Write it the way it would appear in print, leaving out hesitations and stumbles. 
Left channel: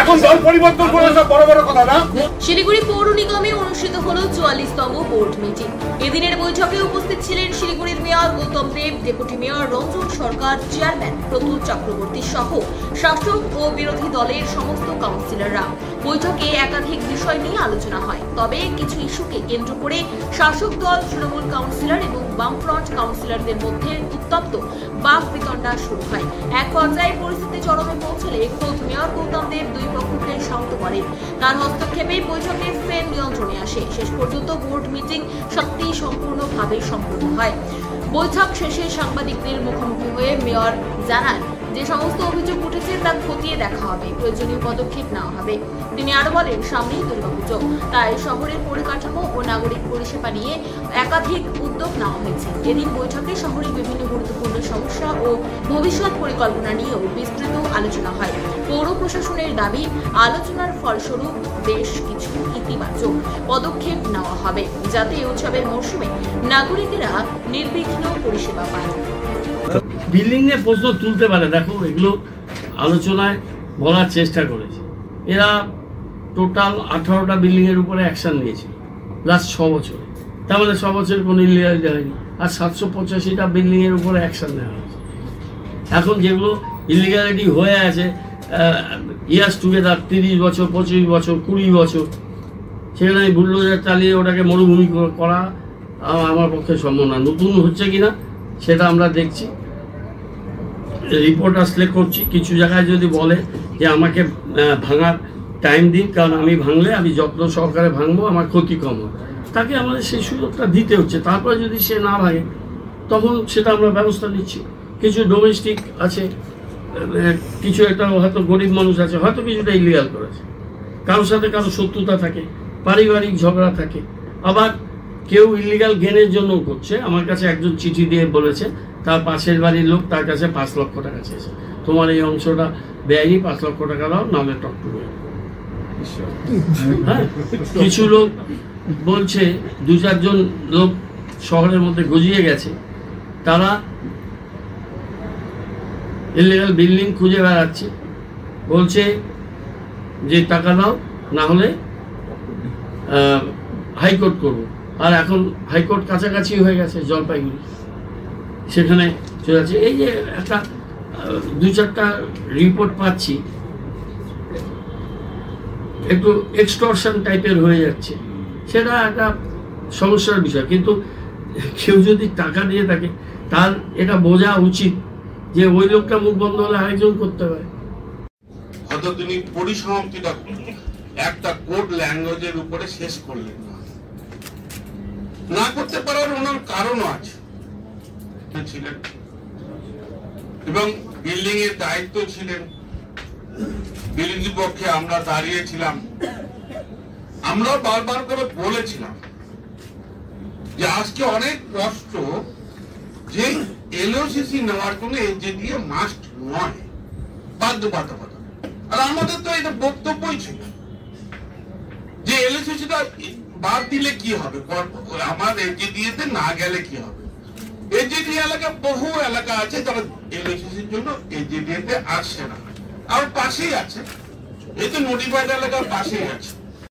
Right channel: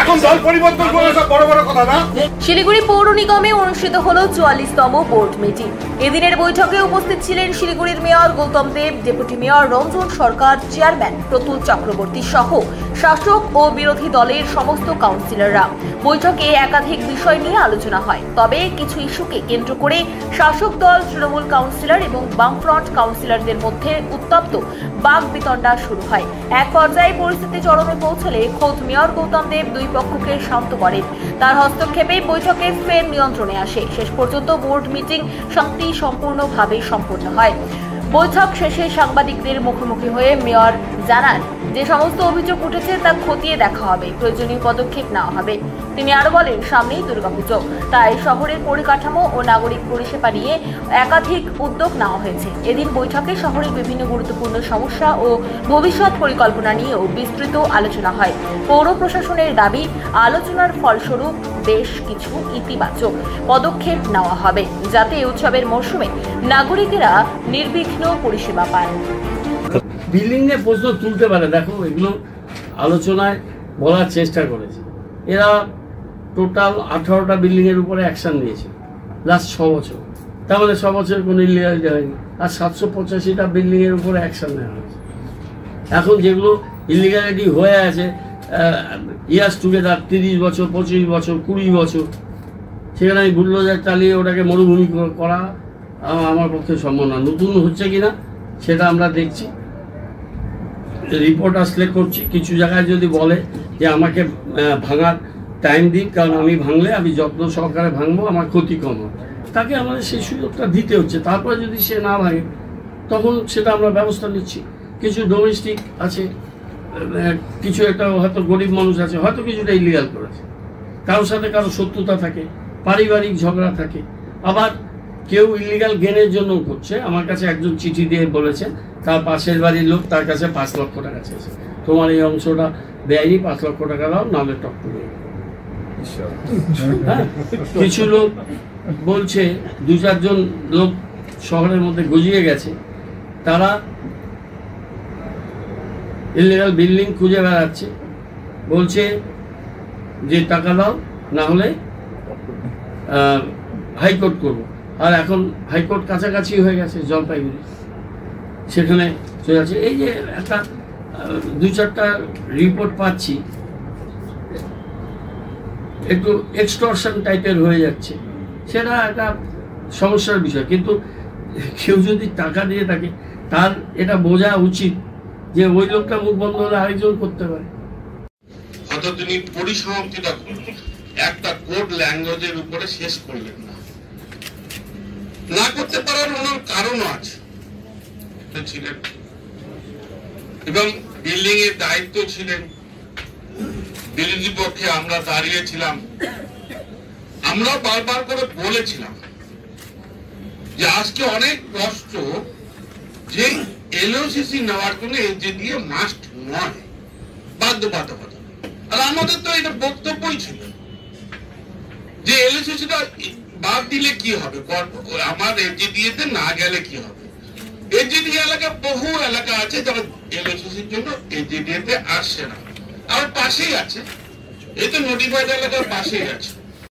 এখন দল পরিবর্তন করে সব বড় বড় কথা না। শিলিগুড়ি পৌর নিগমে অনুষ্ঠিত হলো 44তম বোর্ড মিটিং। এদিনের বৈঠকে উপস্থিত ছিলেন শিলিগুড়ির মেয়র গৌতম দেব, ডেপুটি মেয়র রঞ্জন সরকার, চেয়ারম্যান প্রতুল চক্রবর্তী সহ শাসক ও বিরোধী দলের সমস্ত কাউন্সিলররা। বৈঠকে একাধিক বিষয় নিয়ে আলোচনা হয়, তবে কিছু ইস্যুকে কেন্দ্র করে শাসক দল, তৃণমূল কাউন্সিলর এবং বামফ্রন্ট কাউন্সিলরদের মধ্যে উত্তপ্ত বাকবিতণ্ডা শুরু হয়। এক পর্যায়ে পরিস্থিতি চরমে পৌঁছলে খোদ মেয়র গৌতম দেব দুই পক্ষকে শান্ত করেন। তার হস্তক্ষেপে বৈঠকে ফের নিয়ন্ত্রণে আসে। শেষ পর্যন্ত বোর্ড মিটিং সম্পূর্ণভাবে সম্পন্ন হয়। বৈঠক শেষে সাংবাদিকদের মুখোমুখি হয়ে মেয়র জানান যে সমস্ত অভিযোগ উঠেছে তা খতিয়ে দেখা হবে, প্রয়োজনীয় পদক্ষেপ নেওয়া হবে। তিনি আরো বলেন, সামনেই দুর্গাপুজো, তাই শহরের পরিকাঠামো ও নাগরিক পরিষেবা নিয়ে একাধিক উদ্যোগ নেওয়া হয়েছে। এদিন বৈঠকে শহরের বিভিন্ন গুরুত্বপূর্ণ সমস্যা ও ভবিষ্যৎ পরিকল্পনা নিয়েও বিস্তৃত আলোচনা হয়। পৌর প্রশাসনের দাবি, আলোচনার ফলস্বরূপ বেশ কিছু ইতিবাচক পদক্ষেপ নেওয়া হবে, যাতে উৎসবের মরশুমে নাগরিকেরা নির্বিঘ্ন পরিষেবা পান। বিল্ডিং নিয়ে প্রশ্ন তুলতে পারে, দেখো এগুলো আলোচনায় বলার চেষ্টা করেছে। এরা টোটাল 18টা বিল্ডিং এর উপরে অ্যাকশন নিয়েছে লাস্ট 6 বছর। তার মানে 6 বছর কোনো ইলিগালিটি হয়নি, আর 785টা বিল্ডিং এর উপরে অ্যাকশন নেওয়া হয়েছে। এখন যেগুলো ইলিগালিটি হয়ে আছে ইয়ার্স টুগেদার 30 বছর, 25 বছর, 20 বছর, সেখানে আমি বুলডোজার চালিয়ে ওটাকে মরুভূমি করা আমার পক্ষে সম্ভব না। নতুন হচ্ছে কিনা সেটা আমরা দেখছি, রিপোর্ট আসলে করছি। কিছু জায়গায় যদি বলে যে আমাকে ভাঙার টাইম দিন, কারণ আমি ভাঙলে আমি যত্ন সহকারে ভাঙবো, আমার ক্ষতি কম হবে, তাকে আমাদের সেই সুযোগটা দিতে হচ্ছে। তারপরে যদি সে না ভাঙে তখন সেটা আমরা ব্যবস্থা নিচ্ছি। কিছু ডোমেস্টিক আছে, কিছু একটা হয়তো গরিব মানুষ আছে, হয়তো কিছুটা ইলিগাল করেছে, কারোর সাথে কারো শত্রুতা থাকে, পারিবারিক ঝগড়া থাকে, আবার কেউ ইলিগাল গেনের জন্য করছে। আমার কাছে একজন চিঠি দিয়ে বলেছে তার পাশের বাড়ির লোক তার কাছে 5 লক্ষ টাকা চেয়েছে, তোমার এই অংশটা বেআইনি 5 লক্ষ টাকা দাও, নাহলে টকটুকে। হ্যাঁ, কিছু লোক বলছে 2-4 জন লোক শহরের মধ্যে গজিয়ে গেছে, তারা ইলিগাল বিল্ডিং খুঁজে বেড়াচ্ছে, বলছে যে টাকা দাও, না হলে হাইকোর্ট করব। আর এখন হাইকোর্ট কাছাকাছি হয়ে গেছে জলপাইগুড়ি, সেখানে চলে যাচ্ছে। এই যে একটা 2-4টা রিপোর্ট পাচ্ছি, একটু এক্সটর্শন টাইপের হয়ে যাচ্ছে, সেটা একটা সমস্যার বিষয়। কিন্তু কেউ যদি টাকা দিয়ে থাকে তার এটা বোঝা উচিত যে ওই লোকটা মুখ বন্ধ হলে আরেকজন করতে হবে। হয়তো তিনি পরিসমাপ্তিটা একটা কোড ল্যাঙ্গুয়েজের উপরে শেষ করলেন না করতে পারার ওনার কারণও আছে ছিলেন, এবং বিল্ডিং এর দায়িত্ব ছিলেন। বিরোধী পক্ষে আমরা দাঁড়িয়েছিলাম, আমরা বারবার করে বলেছিলাম যে আজকে অনেক কষ্ট যে এলওসিসি নেওয়ার জন্য এনজিডিএ মাস্ট নয়, বাধ্যবাধকতা। আর আমাদের তো এটা বক্তব্যই ছিল যে এলওসিসিটা বাদ দিলে কি হবে, আমার এনজিডিএ তে না গেলে কি হবে। এনজিডিএ এলাকা বহু এলাকা আছে যারা এলওসিসির জন্য এনজিডিএ তে আসছে না, আর পাশেই আছে, এই তো নোটিফাইড এলাকার পাশেই আছে।